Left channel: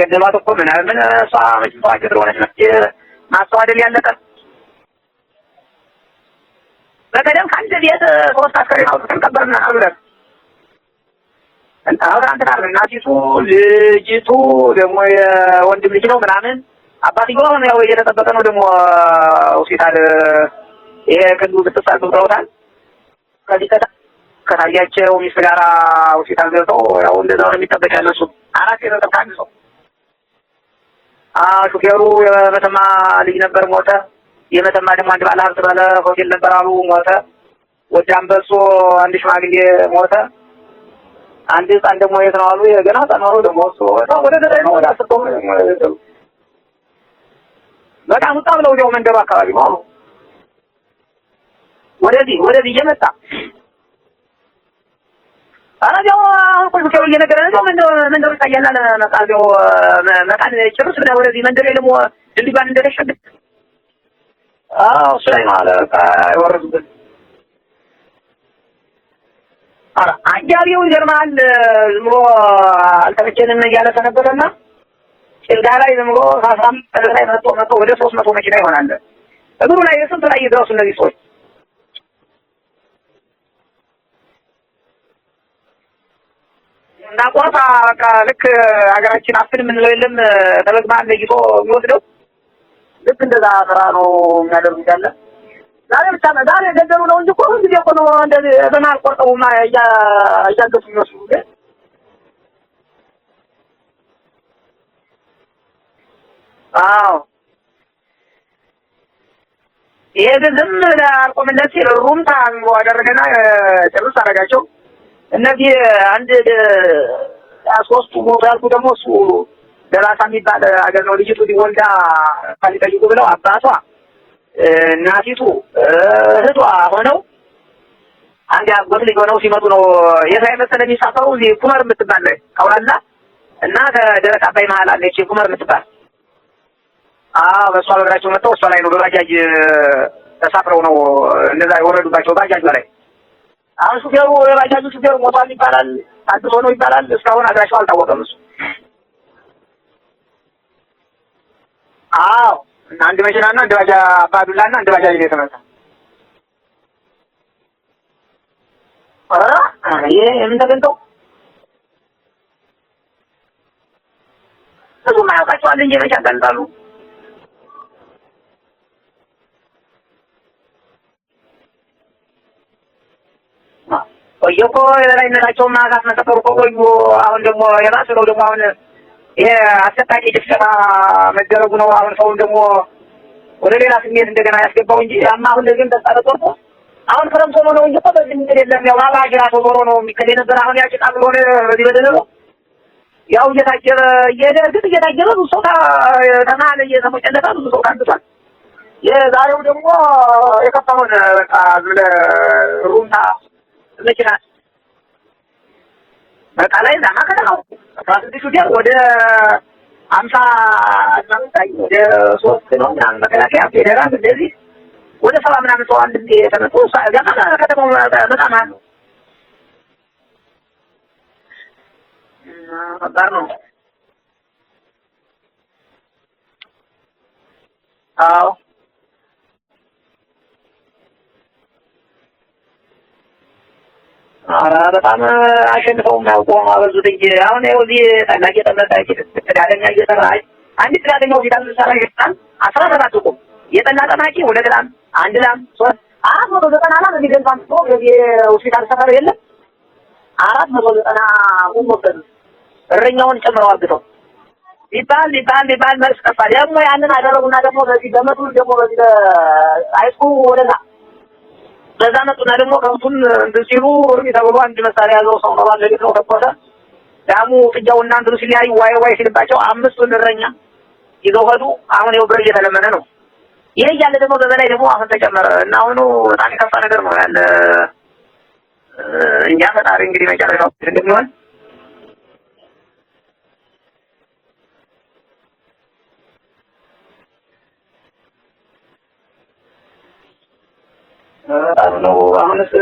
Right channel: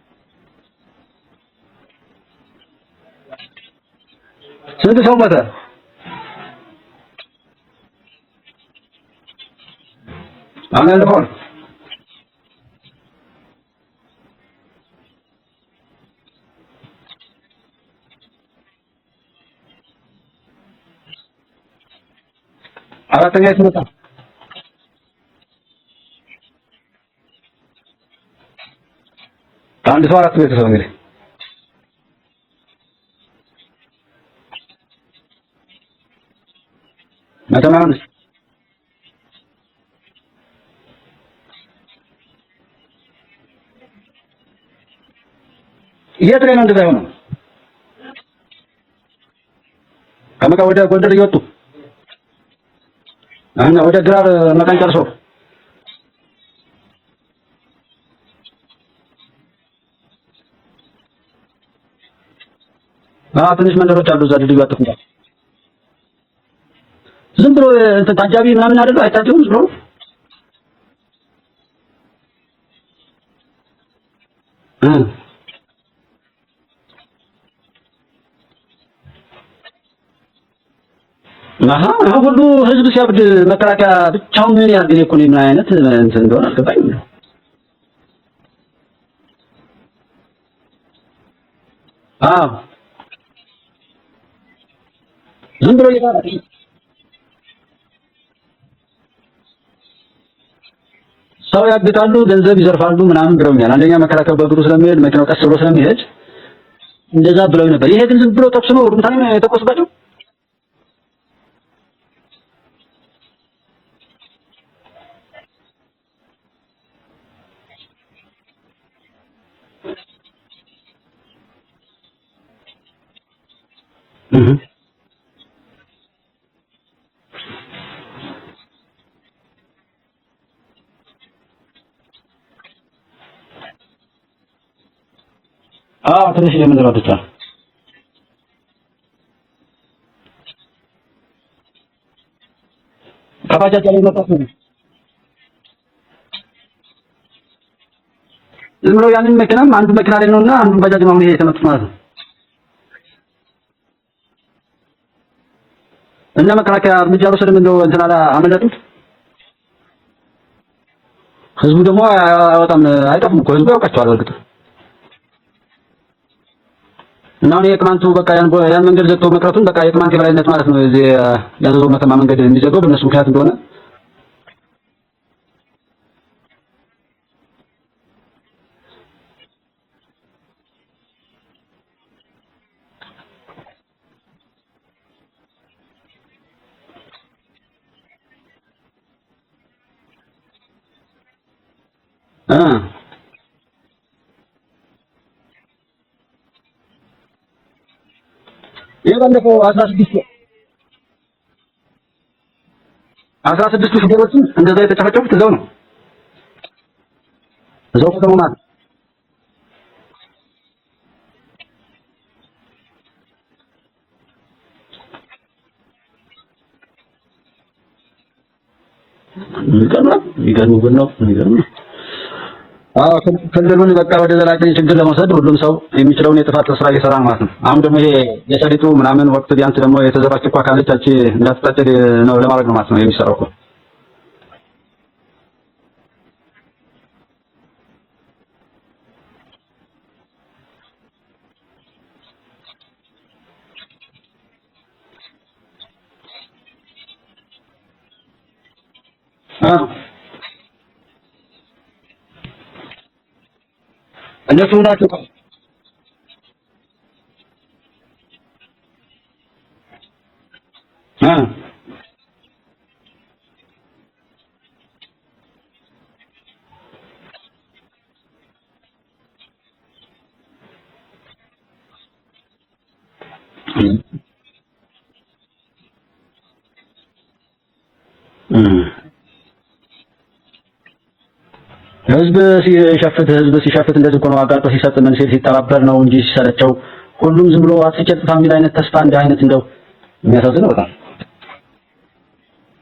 ገደሏት እኮ ምን እሷ መጭቷት ስለሆነች ነው ማስተዋደል ያለቀ። ስንት ሰው ሞተ? በቀደም ከአንድ ቤት 3 አስከሬን አውጥተን ቀበርን አብረን። አሁን ያለፈው አሁን አንተ ታር እናቲቱ ልጅቱ ደግሞ የወንድም ልጅ ነው ምናምን አባትየው ነው ያው እየተጠበቀ ነው ደግሞ ሆስፒታል ይሄ ክንዱ ብትሳል ብለውታል። አራተኛ ያለው ከታያቸው ሚስት ጋር ሆስፒታል ገብተው ያው እንደዛ ነው የሚጠበቅ ያለው እሱ። አራት የተጠበቀ አንድ ሰው አራት ቤተሰብ እንግዲህ ሹፌሩ የመተማ ልጅ ነበር ሞተ። የመተማ ደግሞ አንድ ባለ ሀብት ባለ ሆቴል ነበር አሉ ሞተ። ጎጃም በሶ አንድ ሽማግሌ ሞተ። አንድ ህፃን ደግሞ የት ነው አሉ የገና ተማሩ ደግሞ እሱ ወደ ዘጠኝ ነው ወደ 10 ነው። የት ላይ ነው እንደዛ ሆነ? በጣም ወጣ ብለው ወዲያው መንደሩ አካባቢ ነው አሉ። ከመቃ ወደ ጎንደር እየወጡ ወደዚህ እየመጣ እና ወደ ግራር መቃን ጨርሶ አራጃው ቁልቁል እየነገረ ነው መንደሩ ታያላ ለመቃቢው መቃን ጭርስ ብለ ወደዚህ መንደር ደግሞ ድልድይ እንደተሸገ ትንሽ መንደሮች አሉ እዛ ድልድይ አጥቶ እሱ ላይ ነው አለ አይወርዱበት ዝም ብሎ ታጃቢ ምናምን አይደለም አይታችሁም? ዝም ብሎ አጃቢው ይገርማል። ዝም ብሎ አልተመቸንም እያለ ተነበረና ጭልጋ ላይ ዝም ብሎ 15 ላይ መጥቶ ወደ 300 መኪና ይሆናል እግሩ ላይ ስንት ላይ ይደርሱ እነዚህ ሰዎች። ሁሉ ህዝብ ሲያብድ መከላከያ ብቻውን ምን ያህል ጊዜ እኮ ነው? ምን አይነት እንትን እንደሆነ አልገባኝም። እና ቆርጣ በቃ ልክ ሀገራችን አፍን የምንለው የለም ተለግማን ለይቶ የሚወስደው ልክ እንደዛ ስራ ነው የሚያደርጉት ያለ ዝም ብሎ ዛሬ ገደሉ ነው እንጂ እኮ ጊዜ እኮ ነው እንደዚህ በመሀል ቆርጠው እያገፉ ይመስሉ ሰው ያግታሉ፣ ገንዘብ ይዘርፋሉ ምናምን ብለውኛል። አንደኛ መከላከያ በእግሩ ስለሚሄድ መኪናው ቀስ ብሎ ስለሚሄድ እንደዛ ብለው ነበር። ይሄ ግን ዝም ብሎ ተኩስ ነው ሩምታ ነው የተኮስባቸው። ይሄ ግን ዝም አልቆምለት ሲል ሩምታ አደረገና ጭርስ አደረጋቸው። እነዚህ አንድ 3 ሞት ያልኩ ደግሞ እሱ ደራሳ የሚባል አገር ነው። ልጅቱ ወልዳ ፈልጠይቁ ብለው አባቷ እናቲቱ እህቷ ሆነው አንድ አጎት ልጅ ሆነው ሲመጡ ነው የሳይ መሰለ የሚሳፈሩ እዚህ ኩመር የምትባል አውራላ እና ከደረቅ አባይ መሀል አለች ኩመር የምትባል ትንሽ የምንረዱት በእሷ በእግራቸው መጥተው እሷ ላይ ነው በባጃጅ ተሳፍረው ነው እንደዛ የወረዱባቸው። ባጃጅ ላይ ከባጃጅ ባጃጁ ሹፌሩ ሞቷል ይባላል። አዲስ ሆኖ ይባላል። እስካሁን አድራሻው አልታወቀም። እሱ ዝም ብሎ ያንን መኪናም አንዱ መኪና ላይ ነውና አንዱ ባጃጅ ነው ይሄ የተመቱት ማለት ነው። አንድ መኪናና አንድ ባጃ አባዱላና አንድ ባጃጅ ነው የተመታ። እና መከላከያ እርምጃ ወሰደም እንደው እንትና አመለጡት። ይሄ ምን ተገንተው ህዝቡ ደግሞ አይወጣም አይጠፉም እኮ ህዝቡ ያውቃቸዋል። እርግጥ ህዝቡ ያውቃቸዋል እንጂ መቼ ያጋልጣሉ። እና ነው የቅማንቱ በቃ ያን መንገድ ዘግቶ መቅረቱን በቃ የቅማንት የበላይነት ማለት ነው። እዚህ ያዘዘው መተማ መንገድ እንዲዘጋው በእነሱ ምክንያት እንደሆነ ቆየኮ የበላይነታቸውና ካስመሰከሩ ቆዩ። አሁን ደግሞ የራሱ ነው ደግሞ አሁን ይሄ አሰቃቂ ድፍጨታ መደረጉ ነው። አሁን ሰውን ደግሞ ወደ ሌላ ስሜት እንደገና ያስገባው እንጂ ያማ አሁን እንደዚህም ተጣጣጣው አሁን ክረምት ሆኖ ነው እንጂ እኮ በዚህ ምን የለም። ያው አባጅራ ተዞሮ ነው የሚከደ ነበር። አሁን ያጭቃ ብሎ ነው በዚህ በደረው ያው እየታጀበ እየደርግት እየታጀበ ብዙ ሰው ተማለ እየተሞጨለታ ብዙ ሰው ካንቷል። የከፋውን በቃ ዝለ ሩምታ 16 ሹፌሮች እንደዛ የተጨፈጨፉት እዛው ነው በቃ ላይ ዛማ ከተማው ወደ 50 ወደ 3 ነው ምናምን መከላከያ ፌደራል እንደዚህ ወደ 70 ምናምን ሰው አንድ የተመጡ ገና ከተማው በጣም አሉ። ይገርም ነው። ክልሉን በቃ ወደ ዘላቂ ችግር ለመውሰድ ሁሉም ሰው የሚችለውን የጥፋት ስራ እየሰራ ማለት ነው። አሁን ደግሞ ይሄ የሰሊጡ ምናምን ወቅት ቢያንስ ደግሞ የተዘባች እኮ አካሎቻች እንዳትጣጨድ ነው ለማድረግ ነው ማለት ነው የሚሰራው እኮ። በጣም አሸንፈው ማውቆም አበዙት እንጂ አሁን ይኸው እዚህ ታላቅ የተመጣጣቂ ተዳለኛ እየሰራች አንድ ተዳለኛው ፊታል ሰራ ይጣል 17 ቁም የጠላ ጠማቂ ወደ ግራም አንድ ላም 3 490 ላም እንዲገልጻም ነው የሆስፒታል ሰፈር የለም 490 ቁም ወሰዱ። እረኛውን ጨምረው አግተው እነሱ ናቸው ባል መልስ ከፋ ደግሞ ያንን አደረጉና ደግሞ በዚህ በመቱ ደግሞ በዚህ አይቁ ወደዛ በዛ መጡና ደግሞ ከንቱን ሲሉ ተብሎ አንድ መሳሪያ ያዘው ሰው ነው ባለቤት ነው ተቆጣ ዳሙ ጥጃውና እንትኑ ሲለያዩ ዋይ ሲልባቸው 5 እረኛ ይዘው ሄዱ። አሁን ይኸው ብር እየተለመነ ነው። ይሄ ያለ ደግሞ በበላይ ደግሞ አሁን ተጨመረ እና አሁን በጣም ከፋ ነገር ነው ያለ እኛ ፈጣሪ እንግዲህ መጨረሻው እንደሚሆን ህዝብ ሲሸፍት እንደዚህ እኮ ነው። አጋጦ ሲሰጥ ምን ሲተባበር ነው እንጂ ሲሰለቸው ሁሉም ዝም ብሎ አጥቂት ፋሚሊ አይነት ተስፋ እንደ አይነት እንደው የሚያሳዝነው በጣም ነው አሁንስ